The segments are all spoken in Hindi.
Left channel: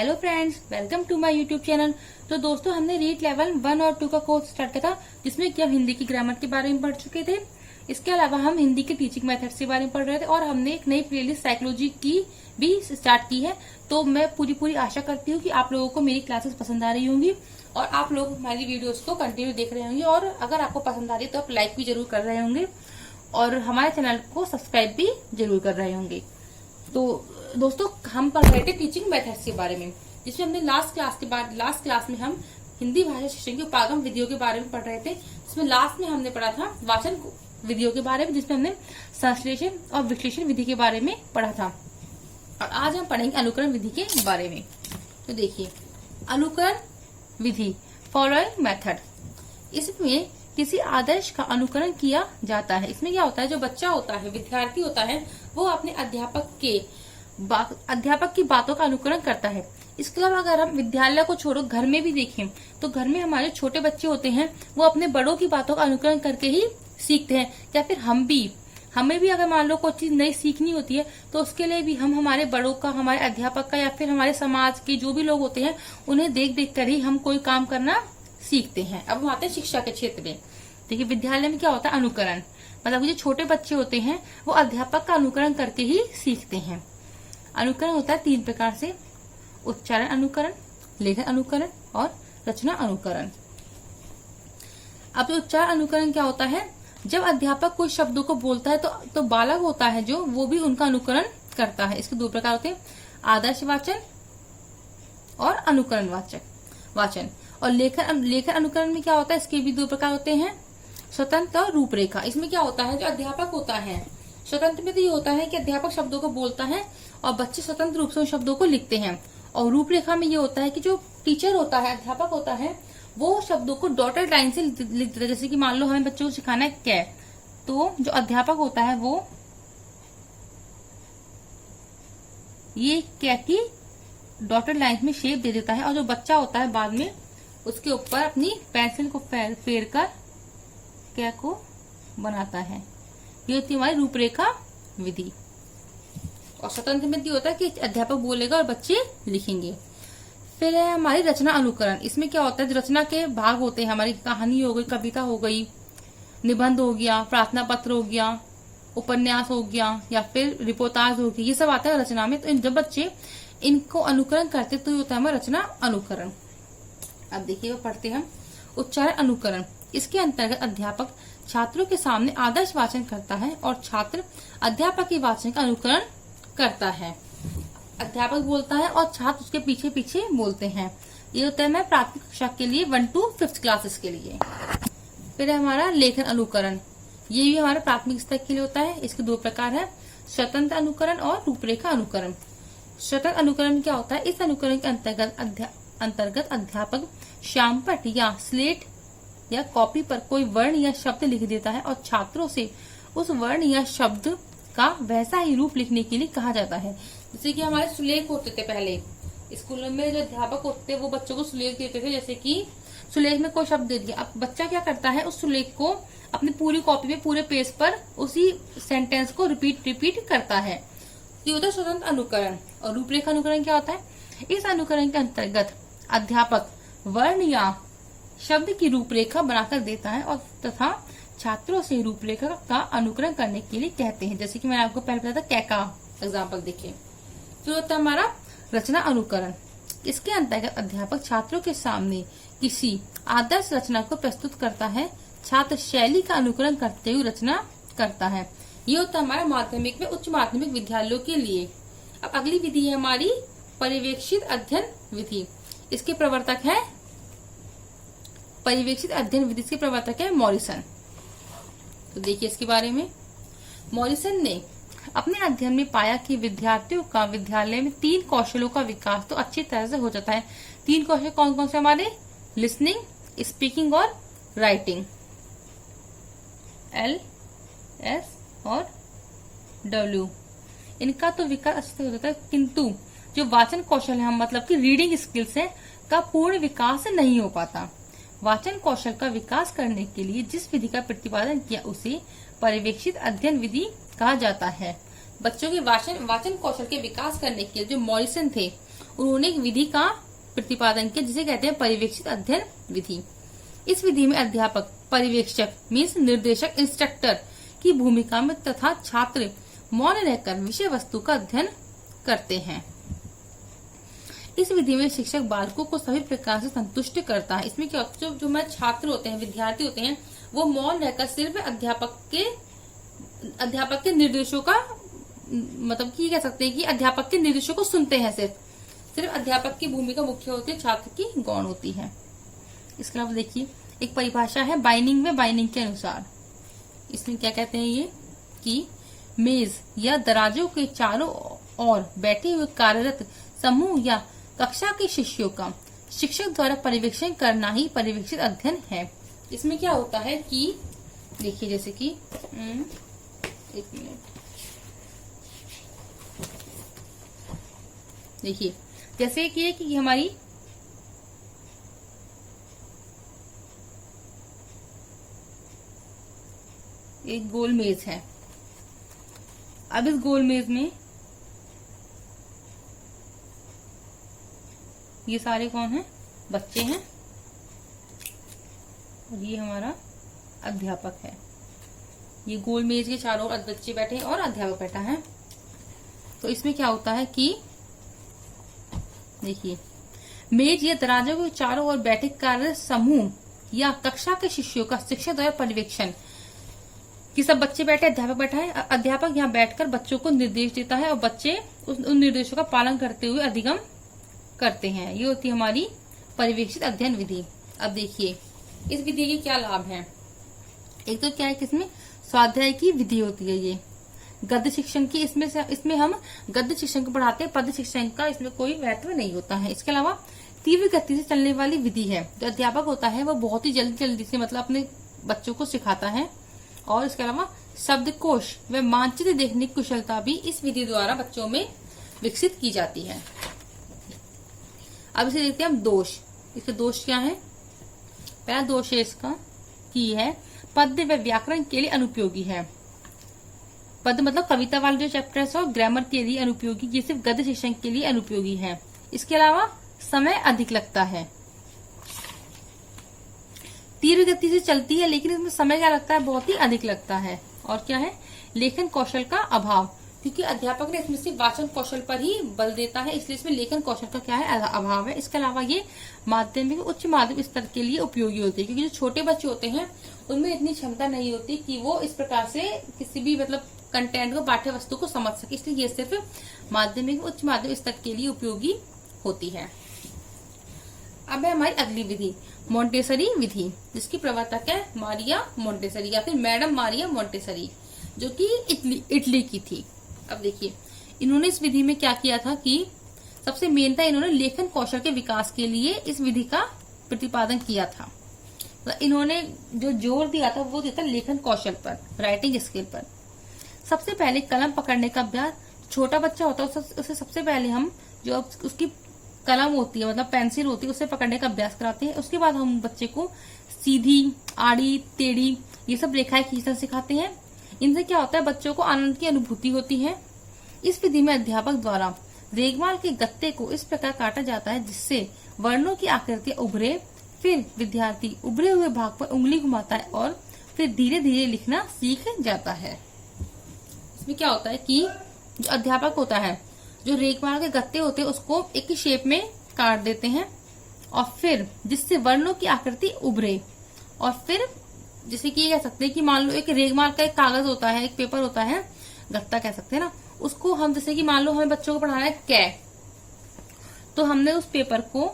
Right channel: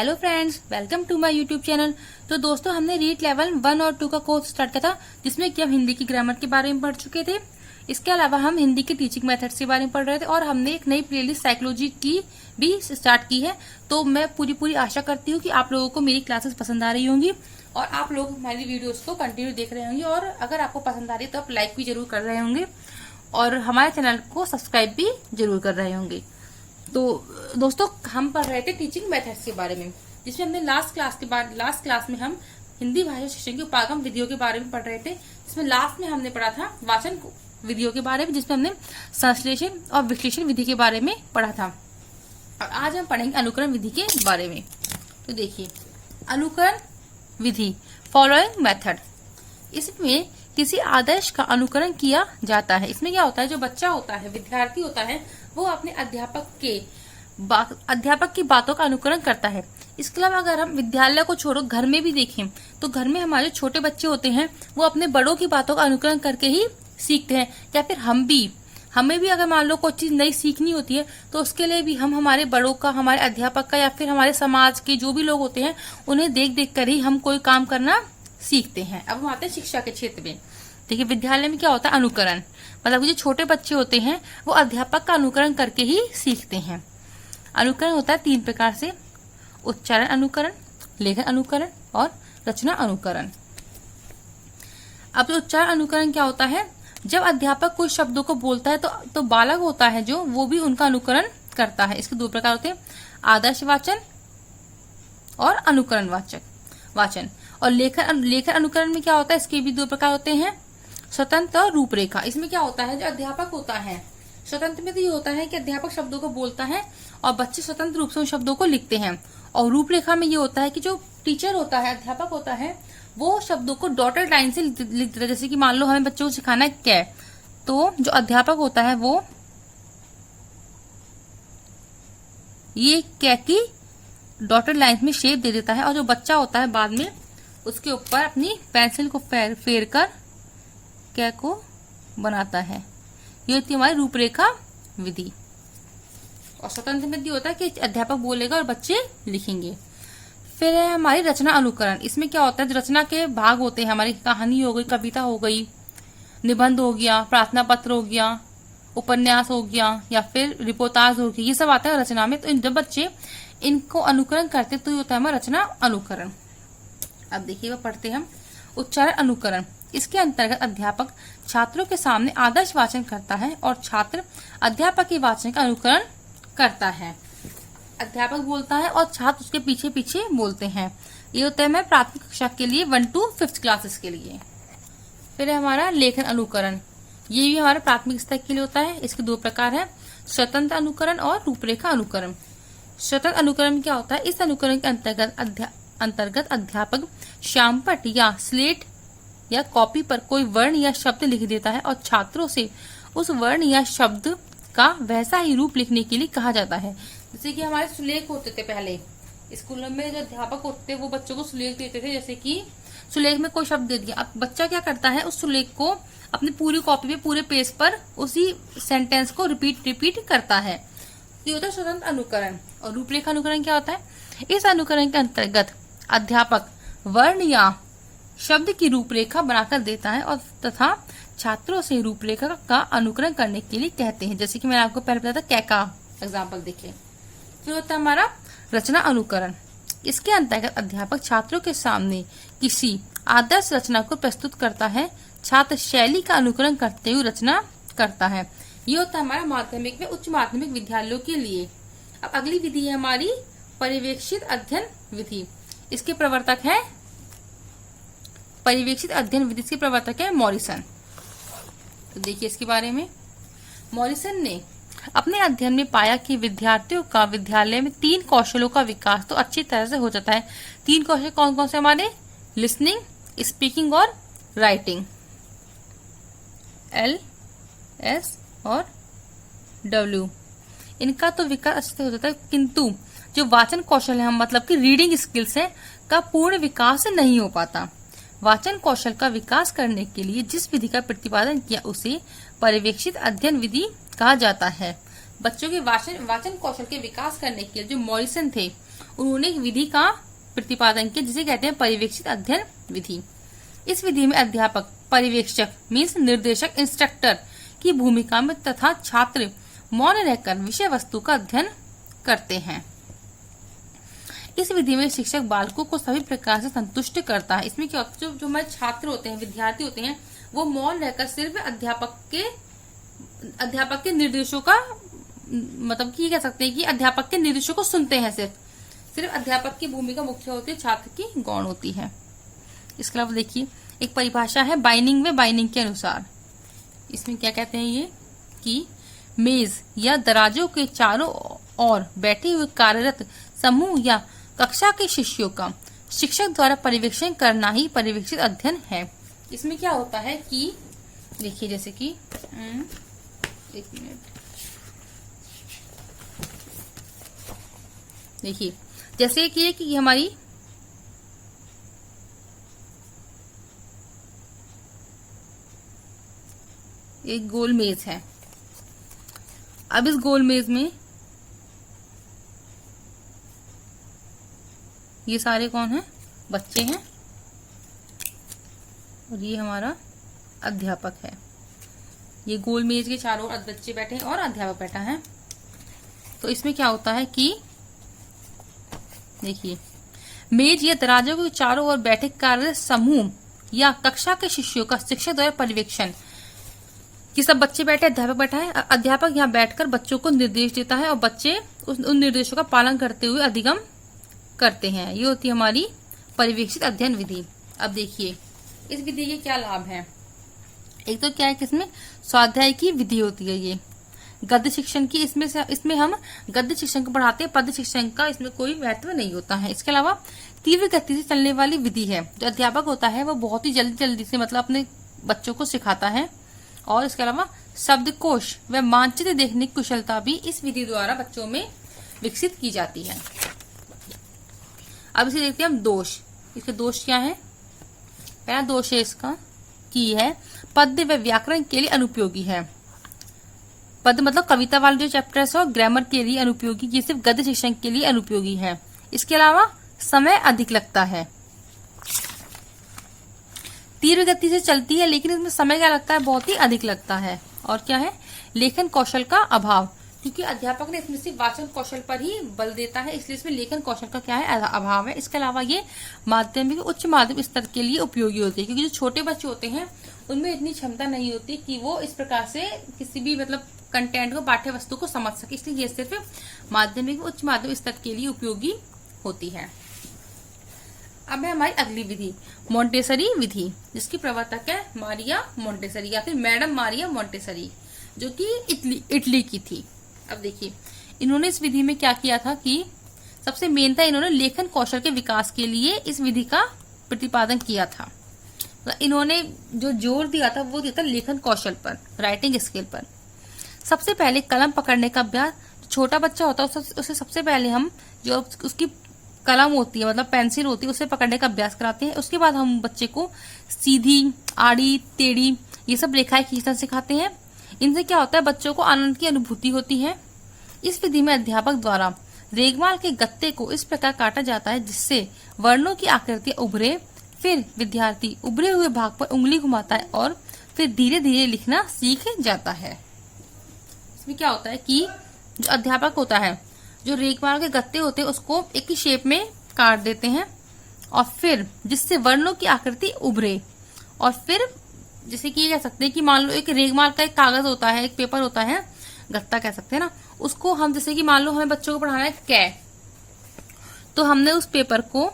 Hello friends, welcome to my YouTube channel. तो दोस्तों, हमने रीड लेवल 1 और 2 का कोर्स स्टार्ट किया था, जिसमें कि हम हिंदी की ग्रामर के बारे में पढ़ चुके थे। इसके अलावा हम हिंदी के टीचिंग मेथड्स के बारे में पढ़ रहे थे और हमने एक नई प्लेलिस्ट साइकोलॉजी की भी स्टार्ट की है। तो मैं पूरी आशा करती हूँ कि आप लोगों को मेरी क्लासेस पसंद आ रही होंगी और आप लोग हमारी वीडियोस को कंटिन्यू देख रहे होंगे। और अगर आपको पसंद आ रही है तो आप लाइक भी जरूर कर रहे होंगे और हमारे चैनल को सब्सक्राइब भी जरूर कर रहे होंगे। तो दोस्तों, हम पढ़ रहे थे टीचिंग मेथड्स के बारे में, जिसमें हमने लास्ट क्लास में हम हिंदी भाषा शिक्षण की उपागम विधियों के बारे में पढ़ रहे थे। इसमें लास्ट में हमने पढ़ा था वाचन विधियों के बारे में, जिसमें हमने संश्लेषण और विश्लेषण विधि के बारे में पढ़ा था। और आज हम पढ़ेंगे अनुकरण विधि के बारे में। तो देखिए, अनुकरण विधि, फॉलोइंग मेथड। इसमें किसी आदर्श का अनुकरण किया जाता है। इसमें क्या होता है, जो बच्चा होता है, विद्यार्थी होता है, वो अपने अध्यापक की बातों का अनुकरण करता है। इसके अलावा अगर हम विद्यालय को छोड़ो, घर में भी देखें तो घर में हमारे छोटे बच्चे होते हैं, वो अपने बड़ों की बातों का अनुकरण करके ही सीखते हैं। या फिर हमें भी अगर मान लो कोई चीज नई सीखनी होती है तो उसके लिए भी हम हमारे बड़ों का, हमारे अध्यापक का या फिर हमारे समाज के जो भी लोग होते हैं उन्हें देख कर ही हम कोई काम करना सीखते हैं। अब हम आते हैं शिक्षा के क्षेत्र में। देखिए, विद्यालय में क्या होता है, अनुकरण, मतलब जो छोटे बच्चे होते हैं वो अध्यापक का अनुकरण करके ही सीखते हैं। अनुकरण होता है 3 प्रकार से: उच्चारण अनुकरण, लेखन अनुकरण और रचना अनुकरण। अब उच्चारण अनुकरण क्या होता है, जब अध्यापक कुछ शब्दों को बोलता है तो बालक होता है जो वो भी उनका अनुकरण करता है। इसके 2 प्रकार होते हैं: आदर्श वाचन और अनुकरण वाचन। और लेखन अनुकरण में क्या होता है, इसके भी 2 प्रकार होते हैं: स्वतंत्र और रूपरेखा। इसमें क्या होता है, जो अध्यापक होता है, स्वतंत्र में तो ये होता है कि अध्यापक शब्दों को बोलता है और बच्चे स्वतंत्र रूप से उन शब्दों को लिखते हैं। और रूपरेखा में ये होता है कि जो टीचर होता है, अध्यापक होता है, वो शब्दों को डॉटेड लाइन से लिख देता है। जैसे कि मान लो हमें बच्चों को सिखाना है क्या, तो जो अध्यापक होता है वो ये क्या की डॉटेड लाइन में शेप दे देता है और जो बच्चा होता है बाद में उसके ऊपर अपनी पेंसिल को फेर कर क्या को बनाता है। ये होती है हमारी रूपरेखा विधि। और स्वतंत्र में ये होता है कि अध्यापक बोलेगा और बच्चे लिखेंगे। फिर है हमारी रचना अनुकरण। इसमें क्या होता है, जो रचना के भाग होते हैं, हमारी कहानी हो गई, कविता हो गई, निबंध हो गया, प्रार्थना पत्र हो गया, उपन्यास हो गया या फिर रिपोर्टाज हो गया, ये सब आता है रचना में। तो जब बच्चे इनको अनुकरण करते तो ये होता है हमारा रचना अनुकरण। अब देखिए, वो पढ़ते हम उच्चारण अनुकरण। इसके अंतर्गत अध्यापक छात्रों के सामने आदर्श वाचन करता है और छात्र अध्यापक के वाचन का अनुकरण करता है। अध्यापक बोलता है और छात्र उसके पीछे पीछे बोलते हैं। ये होता है मैं प्राथमिक कक्षा के लिए 1 to 5th क्लासेस के लिए। फिर है हमारा लेखन अनुकरण। ये भी हमारे प्राथमिक स्तर के लिए होता है। इसके 2 प्रकार है: स्वतंत्र अनुकरण और रूपरेखा अनुकरण। स्वतंत्र अनुकरण क्या होता है, इस अनुकरण के अंतर्गत अध्यापक श्यामपट्ट या स्लेट या कॉपी पर कोई वर्ण या शब्द लिख देता है और छात्रों से उस वर्ण या शब्द का वैसा ही रूप लिखने के लिए कहा जाता है। जैसे कि हमारे सुलेख होते थे पहले स्कूलों में, जो अध्यापक होते थे वो बच्चों को सुलेख देते थे। जैसे कि सुलेख में कोई शब्द दे दिया, अब बच्चा क्या करता है, उस सुलेख को अपनी पूरी कॉपी में, पूरे पेज पर उसी सेंटेंस को रिपीट करता है। ये होता है स्वतंत्र अनुकरण। और रूपरेखा अनुकरण क्या होता है, इस अनुकरण के अंतर्गत अध्यापक वर्ण या शब्द की रूपरेखा बनाकर देता है और तथा छात्रों से रूपरेखा का अनुकरण करने के लिए कहते हैं। जैसे कि मैंने आपको पहले बताया था क्या का एग्जाम्पल देखिए। तो होता है हमारा रचना अनुकरण। इसके अंतर्गत अध्यापक छात्रों के सामने किसी आदर्श रचना को प्रस्तुत करता है। छात्र शैली का अनुकरण करते हुए रचना करता है। ये होता है हमारा माध्यमिक में उच्च माध्यमिक विद्यालयों के लिए। अब अगली विधि है हमारी पर्यवेक्षित अध्ययन विधि। इसके प्रवर्तक है पर्यवेक्षित अध्ययन विधि के प्रवर्तक है मॉरिसन। तो देखिए इसके बारे में। मॉरिसन ने अपने अध्ययन में पाया कि विद्यार्थियों का विद्यालय में 3 कौशलों का विकास तो अच्छी तरह से हो जाता है। 3 कौशल कौन कौन से हमारे, लिसनिंग, स्पीकिंग और राइटिंग, LS और W। इनका तो विकास अच्छे से हो जाता है, किंतु जो वाचन कौशल है, मतलब कि रीडिंग स्किल्स है, का पूर्ण विकास नहीं हो पाता। वाचन कौशल का विकास करने के लिए जिस विधि का प्रतिपादन किया उसे पर्यवेक्षित अध्ययन विधि कहा जाता है। बच्चों के वाचन कौशल के विकास करने के लिए जो मॉरिसन थे उन्होंने एक विधि का प्रतिपादन किया जिसे कहते हैं पर्यवेक्षित अध्ययन विधि। इस विधि में अध्यापक, पर्यवेक्षक मीन्स निर्देशक, इंस्ट्रक्टर की भूमिका में तथा छात्र मौन रहकर विषय वस्तु का अध्ययन करते हैं। इस विधि में शिक्षक बालकों को सभी प्रकार से संतुष्ट करता है। इसमें क्या होता है, जो हमारे छात्र होते हैं, विद्यार्थी होते हैं, वो मौन रहकर सिर्फ अध्यापक के निर्देशों का मतलब कि कह सकते हैं कि अध्यापक के निर्देशों को सुनते हैं। सिर्फ अध्यापक की भूमिका मुख्य होती है, छात्र की गौण होती है। इसके अलावा देखिए एक परिभाषा है बाइनिंग में, बाइनिंग के अनुसार इसमें क्या कहते हैं ये कि मेज या दराजों के चारों ओर बैठे हुए कार्यरत समूह या कक्षा के शिष्यों का शिक्षक द्वारा पर्यवेक्षण करना ही पर्यवेक्षित अध्ययन है। इसमें क्या होता है कि देखिए जैसे कि एक मिनट देखिए जैसे कि हमारी एक गोल मेज है। अब इस गोल मेज में ये सारे कौन हैं? बच्चे हैं और ये हमारा अध्यापक है। ये गोल मेज के चारों ओर बच्चे बैठे हैं और अध्यापक बैठा है। तो इसमें क्या होता है कि देखिए मेज या दराजों के चारों ओर बैठे कार्य समूह या कक्षा के शिष्यों का शिक्षक द्वारा पर्यवेक्षण। ये सब बच्चे बैठे, अध्यापक बैठा है, अध्यापक यहाँ बैठकर बच्चों को निर्देश देता है और बच्चे उन निर्देशों का पालन करते हुए अधिगम करते हैं। ये होती है हमारी पर्यवेक्षित अध्ययन विधि। अब देखिए इस विधि के क्या लाभ हैं। एक तो क्या है कि इसमें स्वाध्याय की विधि होती है, ये गद्य शिक्षण की इसमें हम गद्य शिक्षण को पढ़ाते हैं, पद्य शिक्षण का इसमें कोई महत्व नहीं होता है। इसके अलावा तीव्र गति से चलने वाली विधि है। जो अध्यापक होता है वो बहुत ही जल्दी से मतलब अपने बच्चों को सिखाता है। और इसके अलावा शब्दकोश व मानचित्र देखने की कुशलता भी इस विधि द्वारा बच्चों में विकसित की जाती है। अब इसे देखते हैं हम दोष। इसके दोष क्या है? पहला दोष है इसका की है पद्य व व्याकरण के लिए अनुपयोगी है। पद्य मतलब कविता वाले जो चैप्टर्स हो ग्रामर के लिए अनुपयोगी, ये सिर्फ गद्य शिक्षण के लिए अनुपयोगी है। इसके अलावा समय अधिक लगता है, तीव्र गति से चलती है लेकिन इसमें समय क्या लगता है? बहुत ही अधिक लगता है। और क्या है? लेखन कौशल का अभाव, क्योंकि अध्यापक ने इसमें सिर्फ वाचन कौशल पर ही बल देता है, इसलिए इसमें लेखन कौशल का क्या है? अभाव है। इसके अलावा ये माध्यमिक उच्च माध्यमिक स्तर के लिए उपयोगी होती है, क्योंकि जो छोटे बच्चे होते हैं उनमें इतनी क्षमता नहीं होती कि वो इस प्रकार से किसी भी मतलब कंटेंट को, पाठ्य वस्तु को समझ सके, इसलिए ये सिर्फ माध्यमिक उच्च माध्यमिक स्तर के लिए उपयोगी होती है। अब है हमारी अगली विधि मोंटेसरी विधि, जिसकी प्रवर्तक है मारिया मोंटेसरी या फिर मैडम मारिया मोंटेसरी, जो कि इटली की थी। अब देखिए इन्होंने इस विधि में क्या किया था कि सबसे मेन था इन्होंने लेखन कौशल के विकास के लिए इस विधि का प्रतिपादन किया था। तो इन्होंने जो जोर दिया था वो दिया था लेखन कौशल पर, राइटिंग स्किल पर। सबसे पहले कलम पकड़ने का अभ्यास, छोटा बच्चा होता है उसे सबसे पहले हम जो उसकी कलम होती है मतलब पेंसिल होती है उसे पकड़ने का अभ्यास कराते हैं। उसके बाद हम बच्चे को सीधी, आड़ी, टेढ़ी ये सब रेखाएं खींचना सिखाते हैं। इनसे क्या होता है? बच्चों को आनंद की अनुभूति होती है। इस विधि में अध्यापक द्वारा रेगमाल के गत्ते को इस प्रकार काटा जाता है जिससे वर्णों की आकृतियां उभरे। फिर विद्यार्थी उभरे हुए भाग पर उंगली घुमाता है और फिर धीरे धीरे लिखना सीख जाता है। इसमें क्या होता है कि जो अध्यापक होता है जो रेगमाल के गत्ते होते हैं उसको एक ही शेप में काट देते हैं और फिर जिससे वर्णों की आकृति उभरे। और फिर जैसे कि ये कह सकते हैं कि मान लो एक रेगमाल का एक कागज होता है, एक पेपर होता है, गत्ता कह सकते हैं ना, उसको हम जैसे कि मान लो हमें बच्चों को पढ़ाना है कै, तो हमने उस पेपर को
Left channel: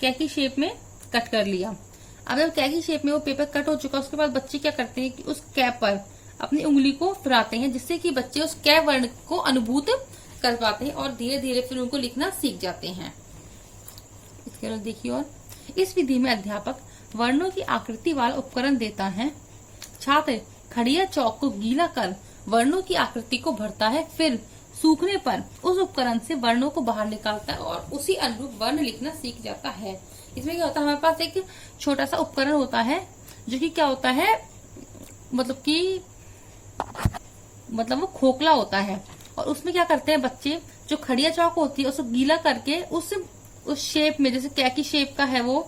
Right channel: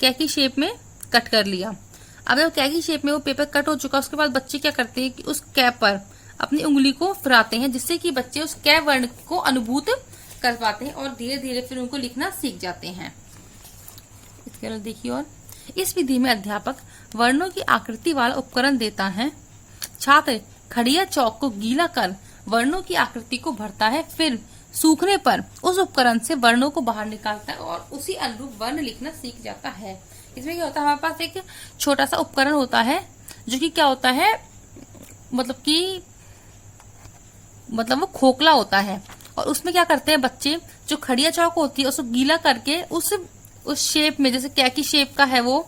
कै की शेप में कट कर लिया। अब जब कै की शेप में वो पेपर कट हो चुका उसके बाद बच्चे क्या करते हैं कि उस कै पर अपनी उंगली को फिराते हैं जिससे कि बच्चे उस कै वर्ण को अनुभूत कर पाते हैं और धीरे धीरे फिर उनको लिखना सीख जाते हैं। इसके बाद देखिए और इस विधि में अध्यापक वर्णों की आकृति वाला उपकरण देता है। छात्र खड़िया चौक को गीला कर वर्णों की आकृति को भरता है, फिर सूखने पर उस उपकरण से वर्णों को बाहर निकालता है और उसी अनुरूप वर्ण लिखना सीख जाता है। इसमें क्या होता है? हमारे पास एक छोटा सा उपकरण होता है जो कि क्या होता है मतलब वो खोखला होता है और उसमें क्या करते हैं बच्चे, जो खड़िया चौक होती है उसको गीला करके उस शेप में, जैसे कैकी शेप का है वो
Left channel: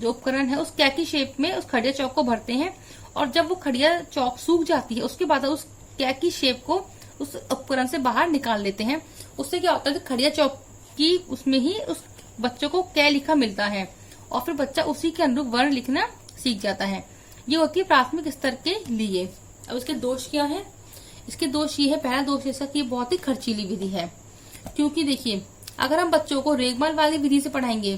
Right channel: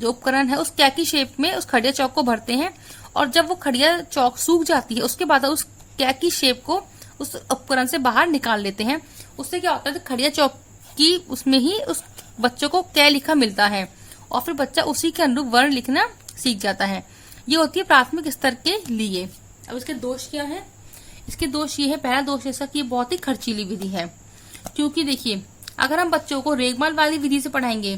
जो उपकरण है, उस कैकी शेप में उस खड़िया चौक को भरते हैं। और जब वो खड़िया चौक सूख जाती है उसके बाद उस कैकी शेप को उस उपकरण से बाहर निकाल लेते हैं। उससे क्या होता है, खड़िया चौक की उसमें ही उस बच्चों को कै लिखा मिलता है और फिर बच्चा उसी के अनुरूप वर्ण लिखना सीख जाता है। ये होती है प्राथमिक स्तर के लिए। अब इसके दोष क्या है? इसके दोष ये है, पहला दोष इसका कि बहुत ही खर्चीली विधि है। क्योंकि देखिए, अगर हम बच्चों को रेगमाल वाली विधि से पढ़ाएंगे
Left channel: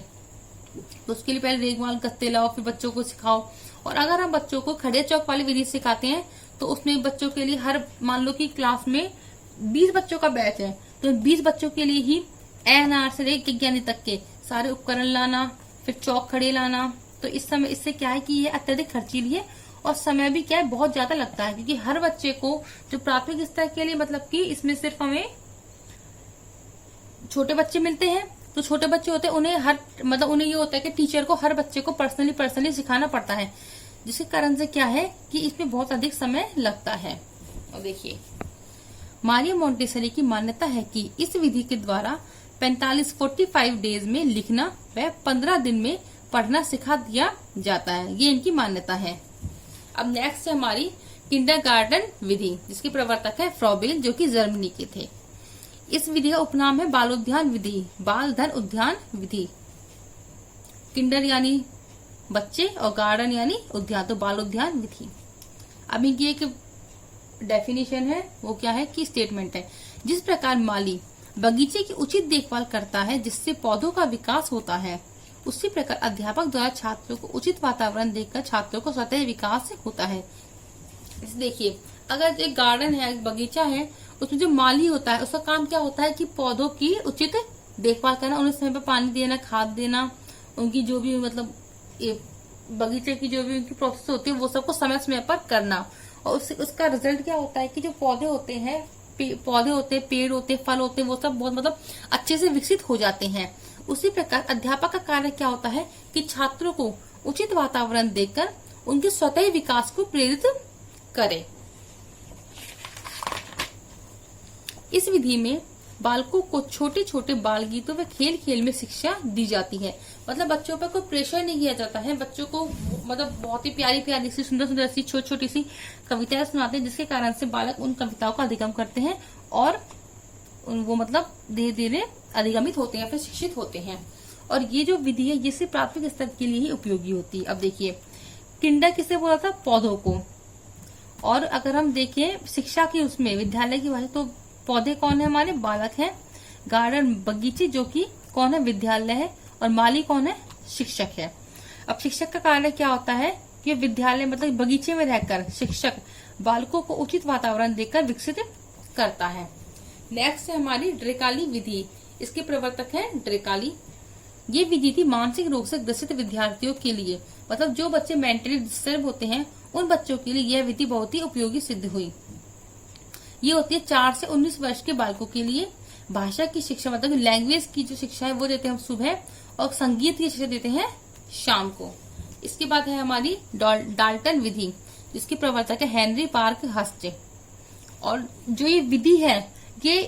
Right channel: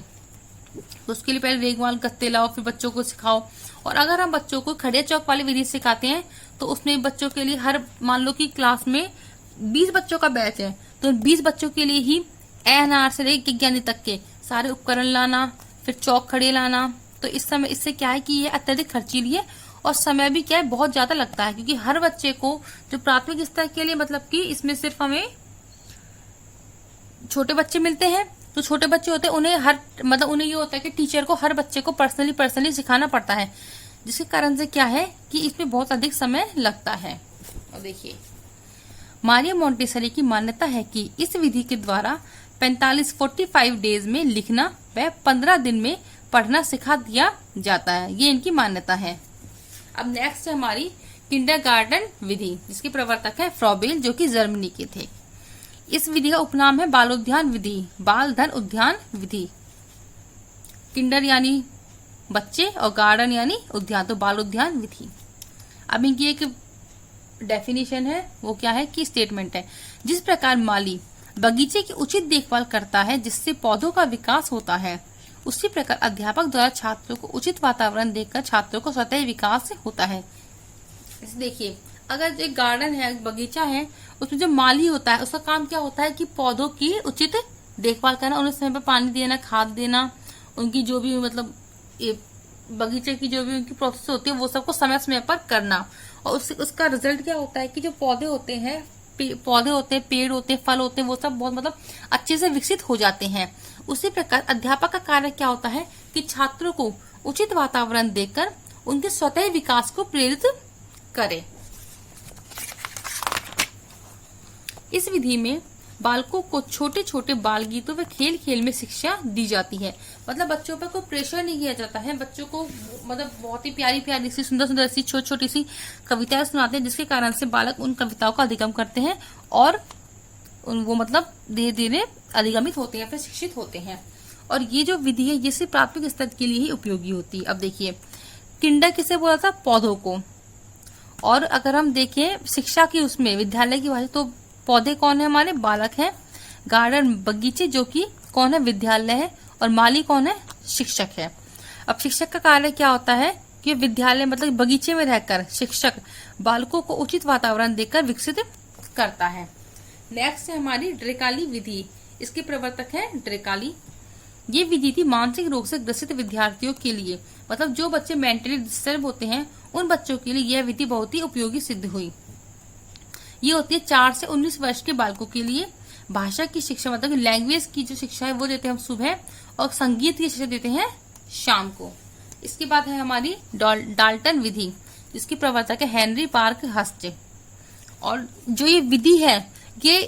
तो उसके लिए पहले रेगमाल गत्ते लाओ, फिर बच्चों को सिखाओ। और अगर हम बच्चों को खड़िया चौक वाली विधि सिखाते हैं तो उसमें बच्चों के लिए हर, मान लो कि क्लास में 20 बच्चों का बैच है तो 20 बच्चों के लिए ही एएनआर से लेकर ज्ञानी तक के सारे उपकरण लाना, फिर चौक खड़े लाना। तो इस समय इससे क्या है कि ये अत्यधिक खर्चीली है और समय भी क्या है बहुत ज्यादा लगता है। क्योंकि हर बच्चे को जो प्राथमिक स्तर के लिए, मतलब कि इसमें सिर्फ हमें छोटे बच्चे मिलते हैं, तो छोटे बच्चे होते हैं उन्हें उन्हें ये होता है कि टीचर को हर बच्चे को पर्सनली सिखाना पड़ता है, जिसके कारण से क्या है कि इसमें बहुत अधिक समय लगता है। और देखिए, मारिया मोंटेसरी की मान्यता है कि इस विधि के द्वारा 45 डेज में लिखना व 15 दिन में पढ़ना सिखा दिया जाता है। ये इनकी मान्यता है। अब नेक्स्ट है हमारी किंडरगार्टन विधि, जिसके प्रवर्तक है फ्रॉबेल, जो कि जर्मनी के थे। इस विधि का उपनाम है बालोद्यान विधि, बाल धन उद्यान विधि। किंडर यानी बच्चे और गार्डन यानी उद्यान, तो बालोद्यान विधि। अब इनकी एक डेफिनेशन है, वो क्या है कि स्टेटमेंट है, जिस प्रकार माली बगीचे की उचित देखभाल करता है जिससे पौधों का विकास होता है, उसी प्रकार अध्यापक द्वारा छात्रों को उचित वातावरण देकर छात्रों को स्वतः विकास होता है। देखिए, अगर एक गार्डन है, बगीचा है, उसमें जो माली होता है उसका काम क्या होता है कि पौधों की उचित देखभाल करना, उन्हें समय पर पानी देना, खाद देना, उनकी जो भी मतलब बगीचे की जो भी उनकी प्रोसेस होती है वो सबको समय समय पर करना। और उसका रिजल्ट क्या होता है कि जो पौधे होते हैं, पेड़ होते हैं, फल होते हैं, वो सब बहुत मतलब अच्छे से विकसित हो जाते हैं। उसी प्रकार अध्यापक का कार्य क्या होता है कि छात्रों को उचित वातावरण देकर उनके स्वतः विकास को प्रेरित करे। इस विधि में बालकों को छोटे छोटे बाल गीतों व खेल खेल में शिक्षा दी जाती है। मतलब बच्चों पर कोई प्रेशर नहीं किया जाता है, बच्चों को मतलब बहुत ही प्यारी प्यारी सी, सुंदर सुंदर सी, छोटी छोटी सी कविताएं सुनाते हैं, जिसके कारण से बालक उन कविताओं का अधिगम करते हैं और वो मतलब धीरे धीरे अधिगमित होते हैं, फिर शिक्षित होते हैं। और ये जो विधि है ये सिर्फ प्राथमिक स्तर के लिए ही उपयोगी होती है। अब देखिए, किंडर किसे बोला था? पौधों को। और अगर हम देखें शिक्षा की उसमें विद्यालय की बात, तो पौधे कौन है? हमारे बालक हैं। गार्डन बगीचे जो कि कौन है? विद्यालय है। और माली कौन है? शिक्षक है। अब शिक्षक का कार्य क्या होता है कि विद्यालय मतलब बगीचे में रहकर शिक्षक बालकों को उचित वातावरण देकर विकसित करता है। नेक्स्ट है हमारी ड्रेकाली विधि। इसके प्रवर्तक है ड्रेकाली। ये विधि थी मानसिक रोग से ग्रसित विद्यार्थियों के लिए, मतलब जो बच्चे मेंटली डिस्टर्ब होते हैं उन बच्चों के लिए यह विधि बहुत ही उपयोगी सिद्ध हुई। ये होती है 4 से 19 वर्ष के बालकों के लिए। भाषा की शिक्षा मतलब लैंग्वेज की जो शिक्षा है वो देते हैं हम सुबह, और संगीत की शिक्षा देते हैं शाम को। इसके बाद है हमारी डाल्टन विधि, जिसके प्रवर्तक है हेनरी पार्क हस्ट। और जो ये विधि है ये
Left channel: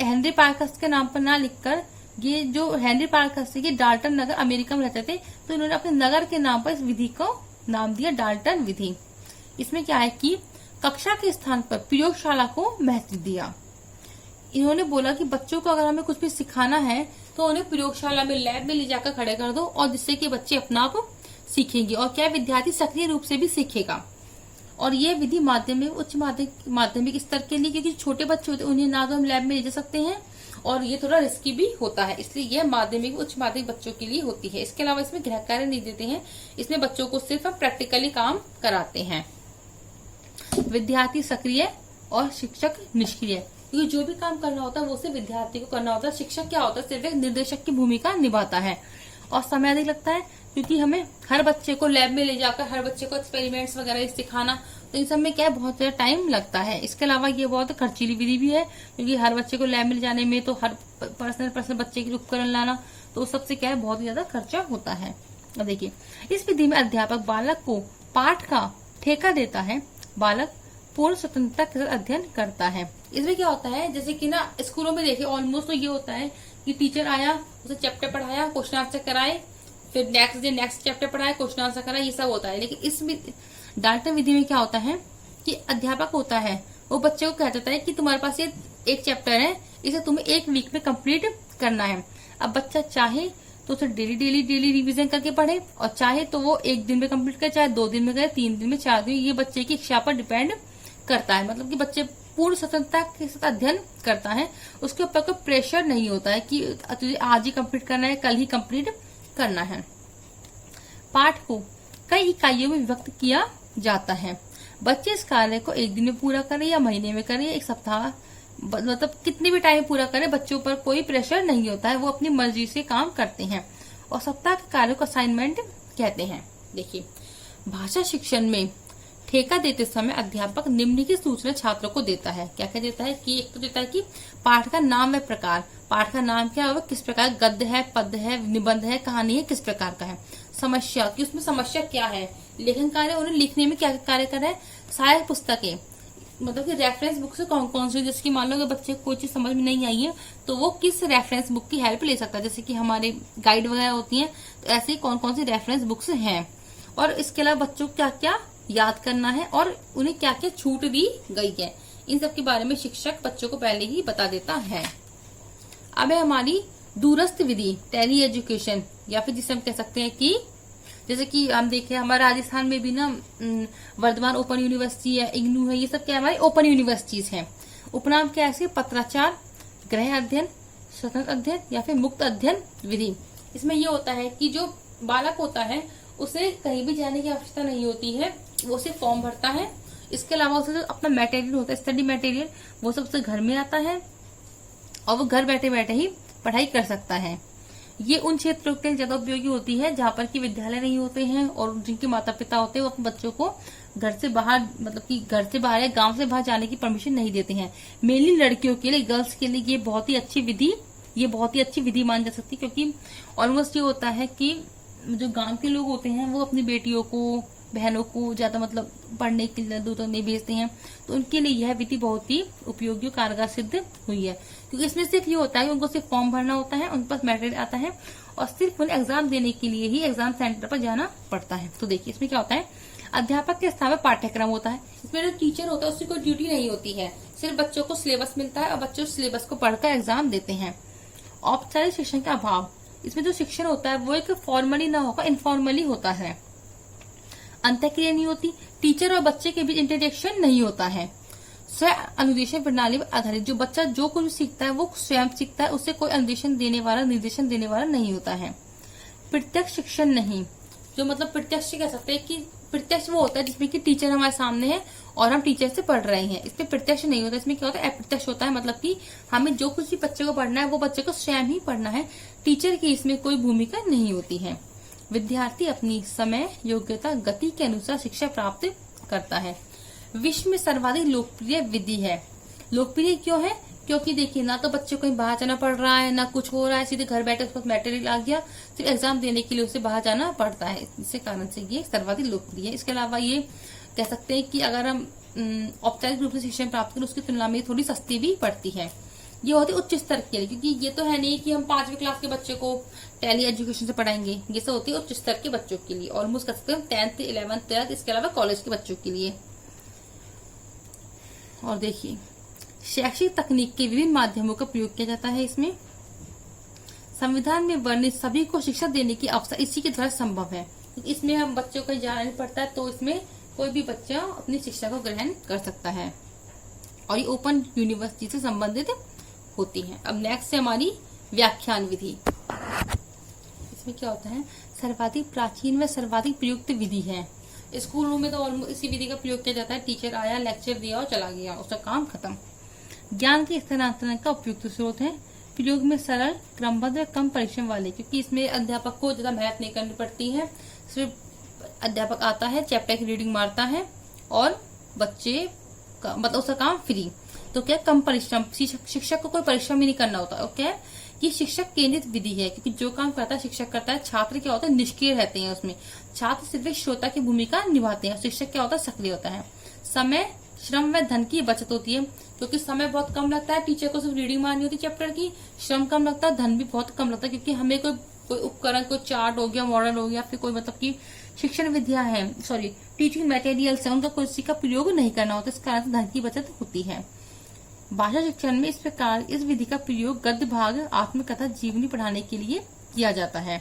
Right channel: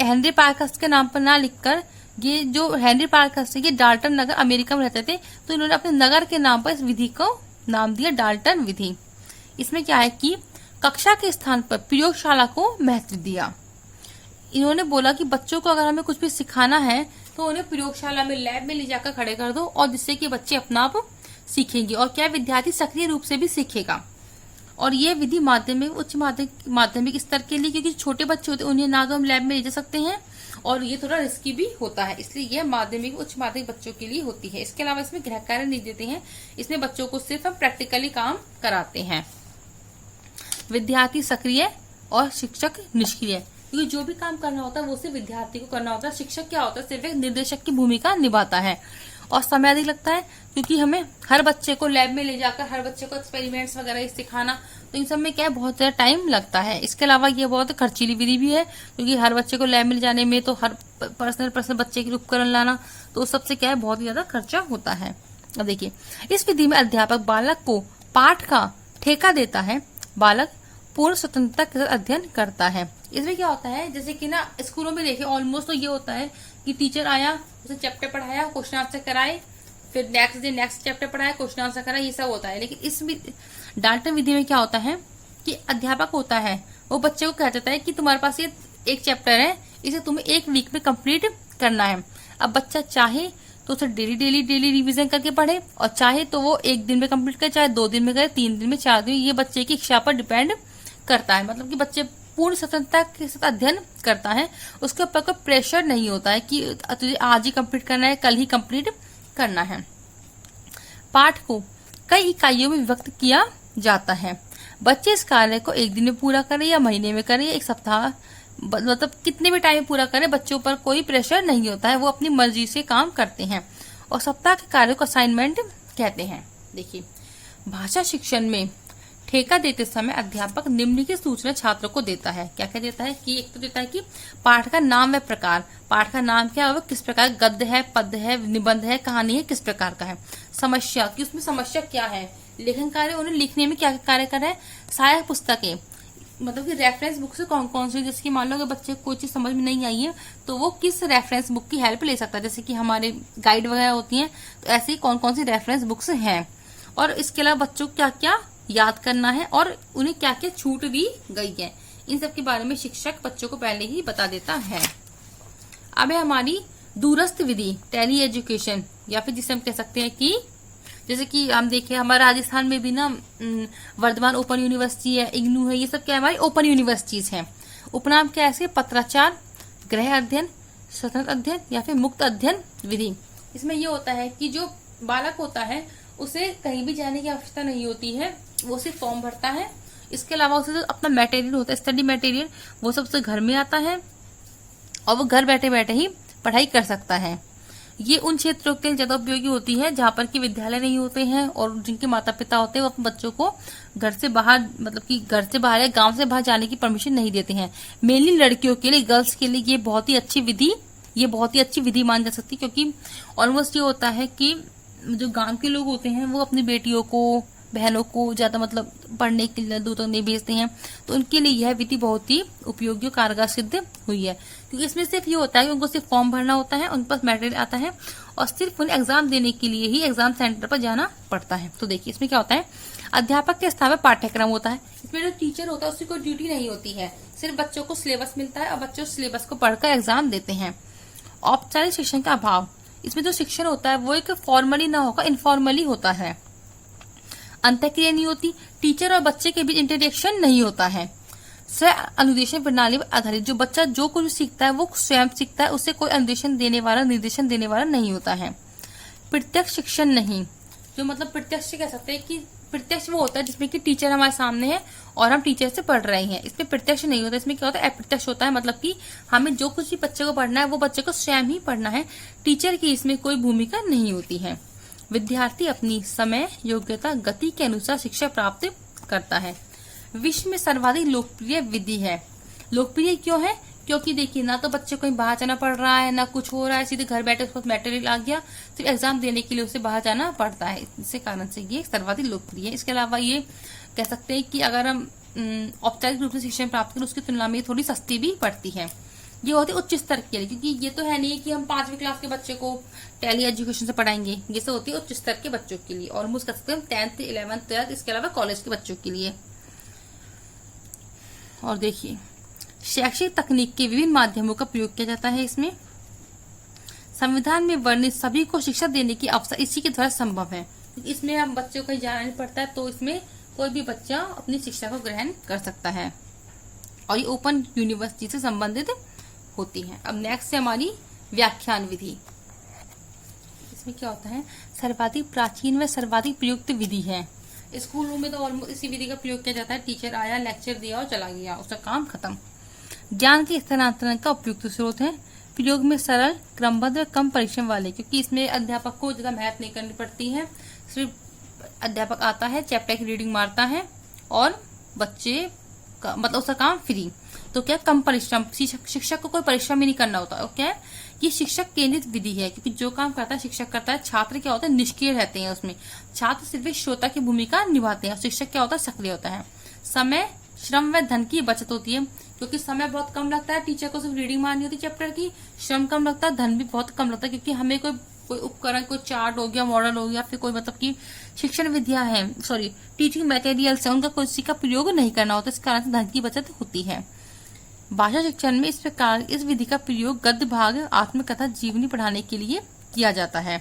हेनरी पार्क हस्ट के नाम पर ना लिखकर, ये जो हेनरी पार्क हस्ट ये डाल्टन नगर अमेरिका में रहते थे, तो इन्होंने अपने नगर के नाम पर इस विधि को नाम दिया डाल्टन विधि। इसमें क्या है कि कक्षा के स्थान पर प्रयोगशाला को महत्व दिया। इन्होंने बोला कि बच्चों को अगर हमें कुछ भी सिखाना है तो उन्हें प्रयोगशाला में, लैब में ले जाकर खड़े कर दो, और जिससे कि बच्चे अपना आप सीखेंगे और क्या विद्यार्थी सक्रिय रूप से भी सीखेगा। और ये विधि माध्यमिक, उच्च माध्यमिक स्तर के लिए, क्योंकि छोटे बच्चे होते हैं उन्हें ना तो हम लैब में ले जा सकते हैं और ये थोड़ा रिस्की भी होता है, इसलिए यह माध्यमिक उच्च माध्यमिक बच्चों के लिए होती है। इसके अलावा इसमें गृह कार्य नहीं देते हैं, इसमें बच्चों को सिर्फ हम प्रैक्टिकली काम कराते हैं। विद्यार्थी सक्रिय और शिक्षक निष्क्रिय, क्योंकि जो भी काम करना होता है वो सिर्फ विद्यार्थी को करना होता है। शिक्षक क्या होता है? सिर्फ एक निर्देशक की भूमिका निभाता है। और समय अधिक लगता है क्योंकि हमें हर बच्चे को लैब में ले जाकर हर बच्चे को एक्सपेरिमेंट्स वगैरह सिखाना, तो इन सब में क्या है बहुत ज्यादा टाइम लगता है। इसके अलावा ये बहुत खर्चीली विधि भी है, क्योंकि हर बच्चे को लैब में ले जाने में, तो हर पर्सनल बच्चे के उपकरण लाना, तो सबसे क्या है बहुत ज्यादा खर्चा होता है। अब देखिए, इस विधि में अध्यापक बालक को पाठ का ठेका देता है। बालक पूर्ण स्वतंत्रता के साथ अध्ययन करता है। इसमें क्या होता है, जैसे कि ना स्कूलों में देखिए ऑलमोस्ट तो ये होता है कि टीचर आया, जैसे चैप्टर पढ़ाया, क्वेश्चन आंसर कराए, फिर नेक्स्ट डे नेक्स्ट चैप्टर पढ़ाया, क्वेश्चन आंसर कराए, ये सब होता है। लेकिन इसमें डाल्टन विधि में क्या होता है कि अध्यापक होता है, वो बच्चे को कह देता है कि तुम्हारे पास ये एक चैप्टर है, इसे तुम्हें एक वीक में कंप्लीट करना है। अब बच्चा चाहे तो उसे डेली रिवीजन करके पढ़े, और चाहे तो वो एक दिन में कंप्लीट करे, चाहे 2 दिन में करे, 3 दिन में, 4 दिन, ये बच्चे की इच्छा पर डिपेंड करता है। मतलब कि बच्चे पूर्ण स्वतंत्रता के साथ अध्ययन करता है, उसके ऊपर कोई प्रेशर नहीं होता है कि तुझे आज ही कंप्लीट करना है, कल ही कंप्लीट करना है। पाठ को कई इकाइयों में विभक्त किया जाता है। बच्चे इस कार्य को एक दिन में पूरा करें या महीने में करें, एक सप्ताह, मतलब कितने भी टाइम पूरा करें, बच्चों पर कोई प्रेशर नहीं होता है, वो अपनी मर्जी से काम करते हैं। और सप्ताह के कार्य को असाइनमेंट कहते हैं। देखिए, भाषा शिक्षण में ठेका देते समय अध्यापक निम्नलिखित सूचना छात्रों को देता है। क्या क्या देता है कि एक तो देता है कि पाठ का नाम व प्रकार, पाठ का नाम क्या है, किस प्रकार, गद्य है, पद्य है, निबंध है, कहानी है, किस प्रकार का है। समस्या, कि उसमें समस्या क्या है, लेखन कार्य, उन्हें लिखने में क्या कार्य कर रहा है। सहायक पुस्तकें, मतलब कि रेफरेंस बुक से कौन कौन सी, जैसे कि मान लो अगर बच्चे को कोई चीज समझ में नहीं आई है तो वो किस रेफरेंस बुक की हेल्प ले सकता है, जैसे कि हमारे गाइड वगैरह होती हैं, तो ऐसे ही कौन कौन सी रेफरेंस बुक्स हैं। और इसके अलावा बच्चों को क्या क्या याद करना है और उन्हें क्या क्या छूट दी गई है, इन सब के बारे में शिक्षक बच्चों को पहले ही बता देता है। अब है हमारी दूरस्थ विधि, टेली एजुकेशन, या फिर जिसे हम कह सकते हैं कि जैसे कि हम देखें हमारे राजस्थान में भी ना वर्धमान ओपन यूनिवर्सिटी है, इग्नू है, ये सब क्या हमारी ओपन यूनिवर्सिटीज हैं। उपनाम क्या है, पत्राचार, गृह अध्ययन, स्वतंत्र अध्ययन या फिर मुक्त अध्ययन विधि। इसमें ये होता है कि जो बालक होता है उसे कहीं भी जाने की आवश्यकता नहीं होती है, वो सिर्फ फॉर्म भरता है। इसके अलावा उसे अपना मटेरियल होता है, स्टडी मटेरियल, वो सबसे घर में आता है और वो घर बैठे बैठे ही पढ़ाई कर सकता है। ये उन क्षेत्रों के लिए ज्यादा उपयोगी होती है जहाँ पर कि विद्यालय नहीं होते हैं और जिनके माता पिता होते हैं वो अपने बच्चों को घर से बाहर, मतलब कि घर से बाहर या गांव से बाहर जाने की परमिशन नहीं देते हैं। मेनली लड़कियों के लिए, गर्ल्स के लिए ये बहुत ही अच्छी विधि मानी जा सकती है, क्योंकि ऑलमोस्ट ये होता है कि जो गांव के लोग होते हैं वो अपनी बेटियों को, बहनों को ज्यादा मतलब पढ़ने के लिए दूर तक नहीं भेजते हैं, तो उनके लिए यह विधि बहुत ही उपयोगी और कारगर सिद्ध हुई है। क्योंकि इसमें सिर्फ ये होता है कि उनको सिर्फ फॉर्म भरना होता है, उनके पास मटेरियल आता है और सिर्फ उन्हें एग्जाम देने के लिए ही एग्जाम सेंटर पर जाना पड़ता है। तो देखिए इसमें क्या होता है, अध्यापक के स्थान में पाठ्यक्रम होता है। इसमें जो टीचर होता है उसकी कोई ड्यूटी नहीं होती है, सिर्फ बच्चों को सिलेबस मिलता है और बच्चे उस सिलेबस को पढ़कर एग्जाम देते हैं। औपचारिक शिक्षण का अभाव, इसमें जो शिक्षण होता है वो एक फॉर्मली ना होकर इनफॉर्मली होता है। अंतःक्रिया नहीं होती, टीचर और बच्चे के बीच इंटरेक्शन नहीं होता है। स्व अनुदेशन प्रणाली पर आधारित, जो बच्चा जो कुछ सीखता है वो स्वयं सीखता है, उसे कोई अनुदेशन देने वाला, निर्देशन देने वाला नहीं होता है। प्रत्यक्ष शिक्षण नहीं, जो मतलब प्रत्यक्ष कह सकते हैं कि प्रत्यक्ष वो होता है जिसमें कि टीचर हमारे सामने है और हम टीचर से पढ़ रहे हैं, इसमें प्रत्यक्ष नहीं होता। इसमें क्या होता है, अप्रत्यक्ष होता है, मतलब कि हमें जो कुछ भी बच्चे को पढ़ना है वो बच्चे को स्वयं ही पढ़ना है, टीचर की इसमें कोई भूमिका नहीं होती है। विद्यार्थी अपनी समय, योग्यता, गति के अनुसार शिक्षा प्राप्त करता है। विश्व में सर्वाधिक लोकप्रिय विधि है। लोकप्रिय क्यों है, क्योंकि देखिए ना तो बच्चे को कहीं बाहर जाना पड़ रहा है, ना कुछ हो रहा है, सीधे घर बैठे उसको मटेरियल आ गया, सिर्फ एग्जाम देने के लिए उसे बाहर जाना पड़ता है, इसी कारण से ये सर्वाधिक लोकप्रिय है। इसके अलावा ये कह सकते हैं कि अगर हम औपचारिक रूप से शिक्षा प्राप्त करें उसकी तुलना में थोड़ी सस्ती भी पड़ती है। ये होती है उच्च स्तर के लिए, क्योंकि ये तो है नहीं कि हम 5वीं क्लास के बच्चे को टेली एजुकेशन से पढ़ाएंगे, ये सब होती है उच्च स्तर के बच्चों के लिए, ऑलमोस्ट कर सकते हैं 10th, 11th, 12th, इसके अलावा कॉलेज के बच्चों के लिए। और देखिए शैक्षिक तकनीक के विभिन्न माध्यमों का प्रयोग किया जाता है। इसमें संविधान में वर्णित सभी को शिक्षा देने की अवसर इसी के द्वारा संभव है। इसमें हम बच्चों को जाना नहीं पड़ता है, तो इसमें कोई भी बच्चा अपनी शिक्षा को ग्रहण कर सकता है और ये ओपन यूनिवर्सिटी से संबंधित होती है। अब नेक्स्ट है हमारी व्याख्यान विधि। इसमें क्या होता है, सर्वाधिक प्राचीन व सर्वाधिक प्रयुक्त विधि है। स्कूलों में तो इसी विधि का प्रयोग किया जाता है, टीचर आया, लेक्चर दिया और चला गया, उसका काम खत्म। ज्ञान के स्थानांतरण का उपयुक्त स्रोत है। प्रयोग में सरल, क्रमबद्ध, कम परिश्रम वाले, क्योंकि इसमें अध्यापक को ज्यादा मेहनत नहीं करनी पड़ती है, सिर्फ अध्यापक आता है, चैप्टर की रीडिंग मारता है और बच्चे का मतलब उसका काम फ्री। तो क्या, कम परिश्रम, शिक्षक को कोई परिश्रम ही नहीं करना होता। और क्या है, ये शिक्षक केंद्रित विधि है, क्योंकि जो काम करता है शिक्षक करता है, छात्र क्या होता है निष्क्रिय रहते हैं उसमें, छात्र सिर्फ श्रोता की भूमिका निभाते हैं, शिक्षक क्या होता है सक्रिय होता है। समय, श्रम व धन की बचत होती है, क्योंकि समय बहुत कम लगता है, टीचर को सिर्फ रीडिंग मारनी होती है चैप्टर की, श्रम कम लगता है, धन भी बहुत कम लगता है, क्योंकि हमें कोई उपकरण, कोई चार्ट हो गया, मॉडल हो गया, फिर कोई मतलब की शिक्षण विद्या है, सॉरी टीचिंग मटेरियल्स है, उनका किसी का प्रयोग नहीं करना होता, इस कारण से धन की बचत होती है। भाषा शिक्षण में इस प्रकार इस विधि का प्रयोग गद्य भाग, आत्मकथा, जीवनी पढ़ाने के लिए किया जाता है,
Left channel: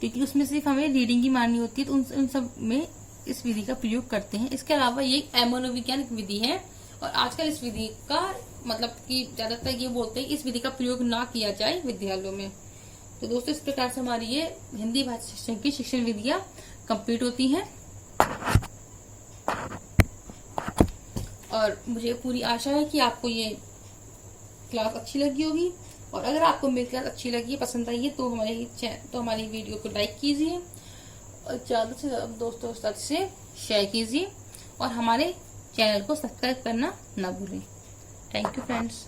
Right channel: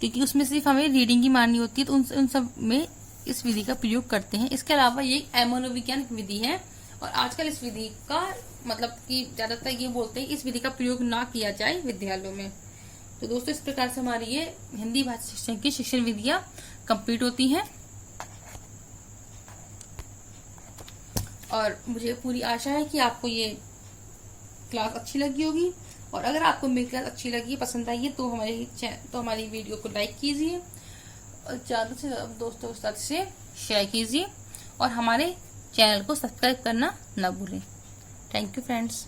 क्योंकि उसमें सिर्फ हमें रीडिंग ही मारनी होती है, तो उन सब में इस विधि का प्रयोग करते हैं। इसके अलावा ये मनोविज्ञान विधि है, और आजकल इस विधि का मतलब कि ज्यादातर ये बोलते हैं इस विधि का प्रयोग ना किया जाए विद्यालयों में। तो दोस्तों, इस प्रकार से हमारी ये हिंदी भाषा शिक्षण की शिक्षण विधियां कंप्लीट होती हैं, और मुझे पूरी आशा है कि आपको ये क्लास अच्छी लगी होगी, और अगर आपको मेरी क्लास अच्छी लगी, पसंद आई है, तो हमारी वीडियो को लाइक कीजिए, और ज्यादा से ज्यादा दोस्तों के साथ से शेयर कीजिए, और हमारे चैनल को सब्सक्राइब करना न भूलें। Thank you friends.